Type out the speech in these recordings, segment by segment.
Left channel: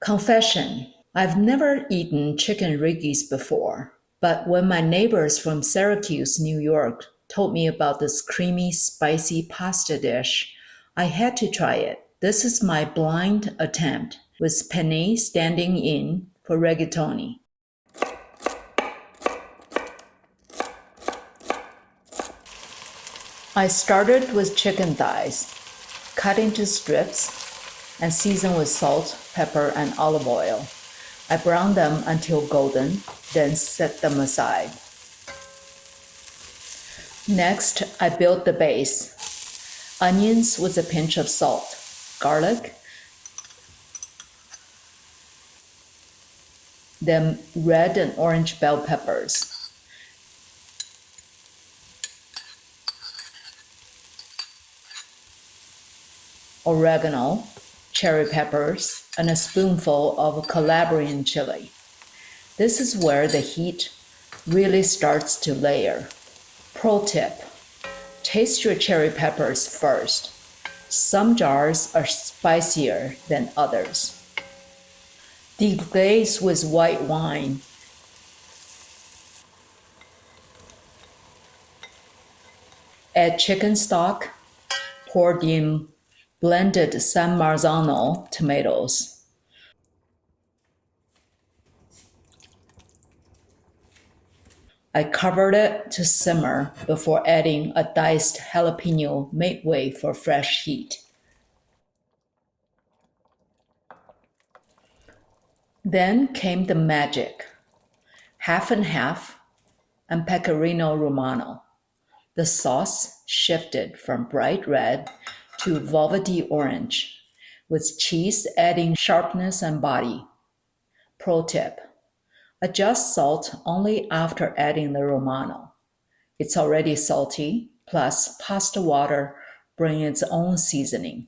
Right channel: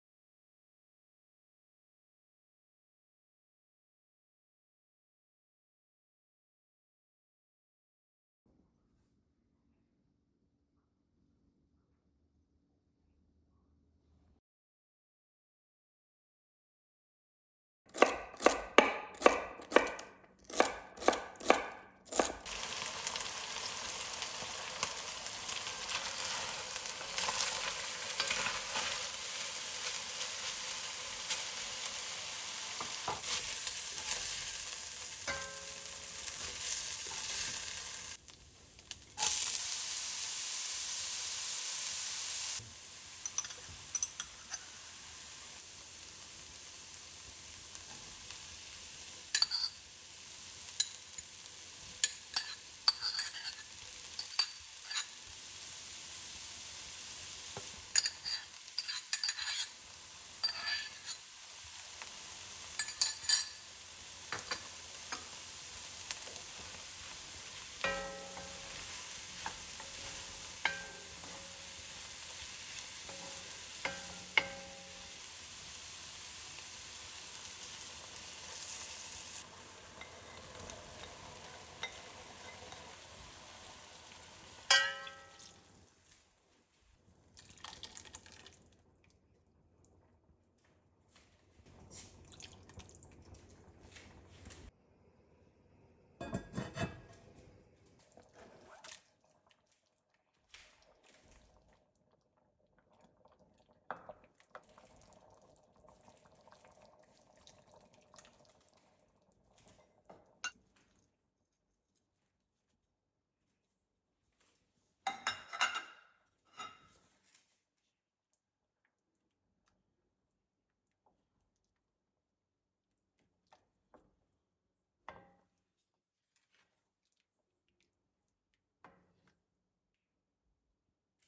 Confession: I've never eaten chicken riggies before, but when my neighbors from Syracuse, New York, told me about this creamy, spicy pasta dish, I had to try it. This is my blind attempt, with penne standing in for rigatoni. I started with chicken thighs, cut into strips, and seasoned with salt, pepper, and olive oil. I browned them until golden, then set them aside. Next, I built the base. Onions with a pinch of salt, garlic, then red and orange bell peppers. Oregano, cherry peppers, and a spoonful of Calabrian chili. This is where the heat really starts to layer. Pro tip: taste your cherry peppers first. Some jars are spicier than others. Deglaze with white wine. Add chicken stock, poured in blended San Marzano tomatoes. I covered it to simmer before adding a diced jalapeño midway for fresh heat. Then came the magic: half and half and Pecorino Romano. The sauce shifted from bright red to velvety orange, with cheese adding sharpness and body. Pro tip: adjust salt only after adding the Romano. It's already salty, plus pasta water brings its own seasoning.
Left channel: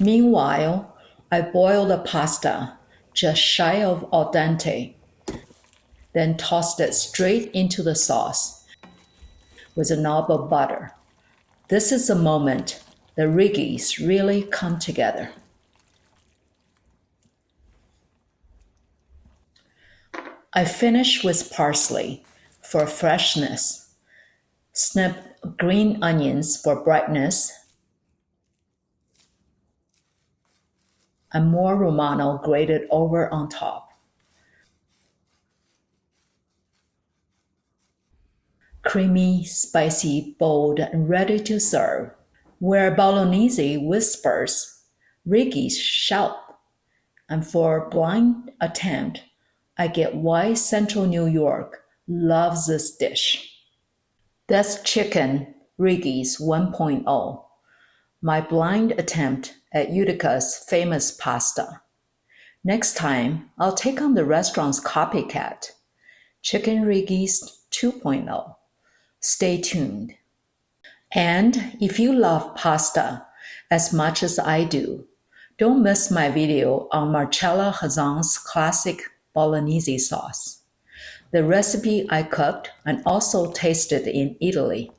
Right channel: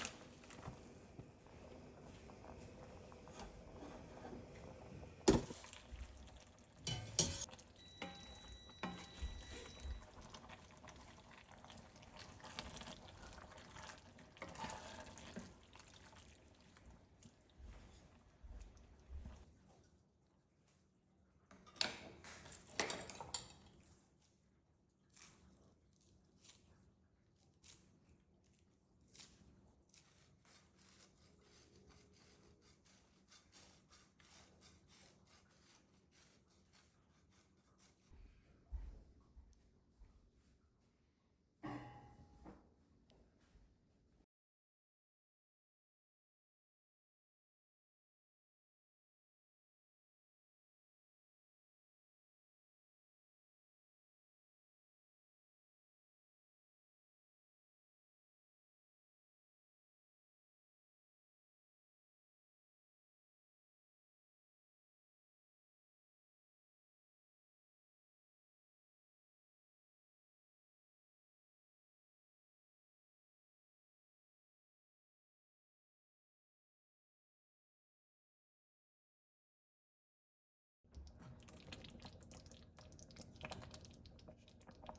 Meanwhile, I boiled the pasta just shy of al dente, then tossed it straight into the sauce with a knob of butter. This is the moment the riggies really come together. I finish with parsley for freshness, snip green onions for brightness, and more Romano grated over on top. Creamy, spicy, bold, and ready to serve. Where bolognese whispers, riggies shout. And for a blind attempt, I get why Central New York loves this dish. That's Chicken Riggies 1.0, my blind attempt at Utica's famous pasta. Next time, I'll take on the restaurant's copycat, Chicken Riggies 2.0. Stay tuned. And if you love pasta as much as I do, don't miss my video on Marcella Hazan's classic bolognese sauce, the recipe I cooked and also tasted in Italy.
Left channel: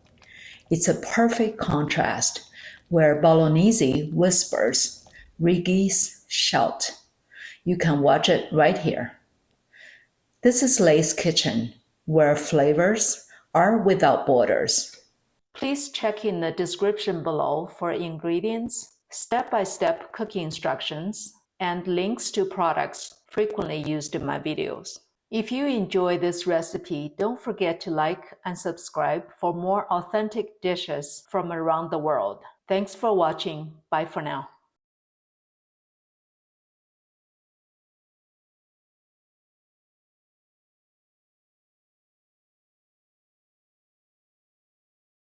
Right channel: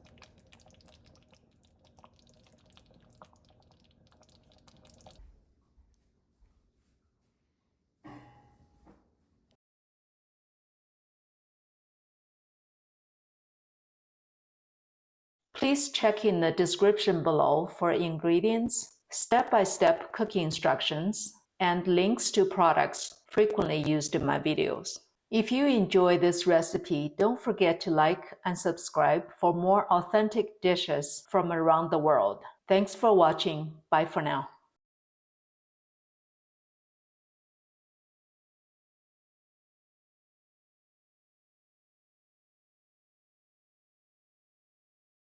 It's a perfect contrast where bolognese whispers, riggies shout. You can watch it right here. This is Lay's Kitchen, where flavors are without borders. Please check in the description below for ingredients, step-by-step cooking instructions, and links to products frequently used in my videos. If you enjoy this recipe, don't forget to like and subscribe for more authentic dishes from around the world. Thanks for watching. Bye for now.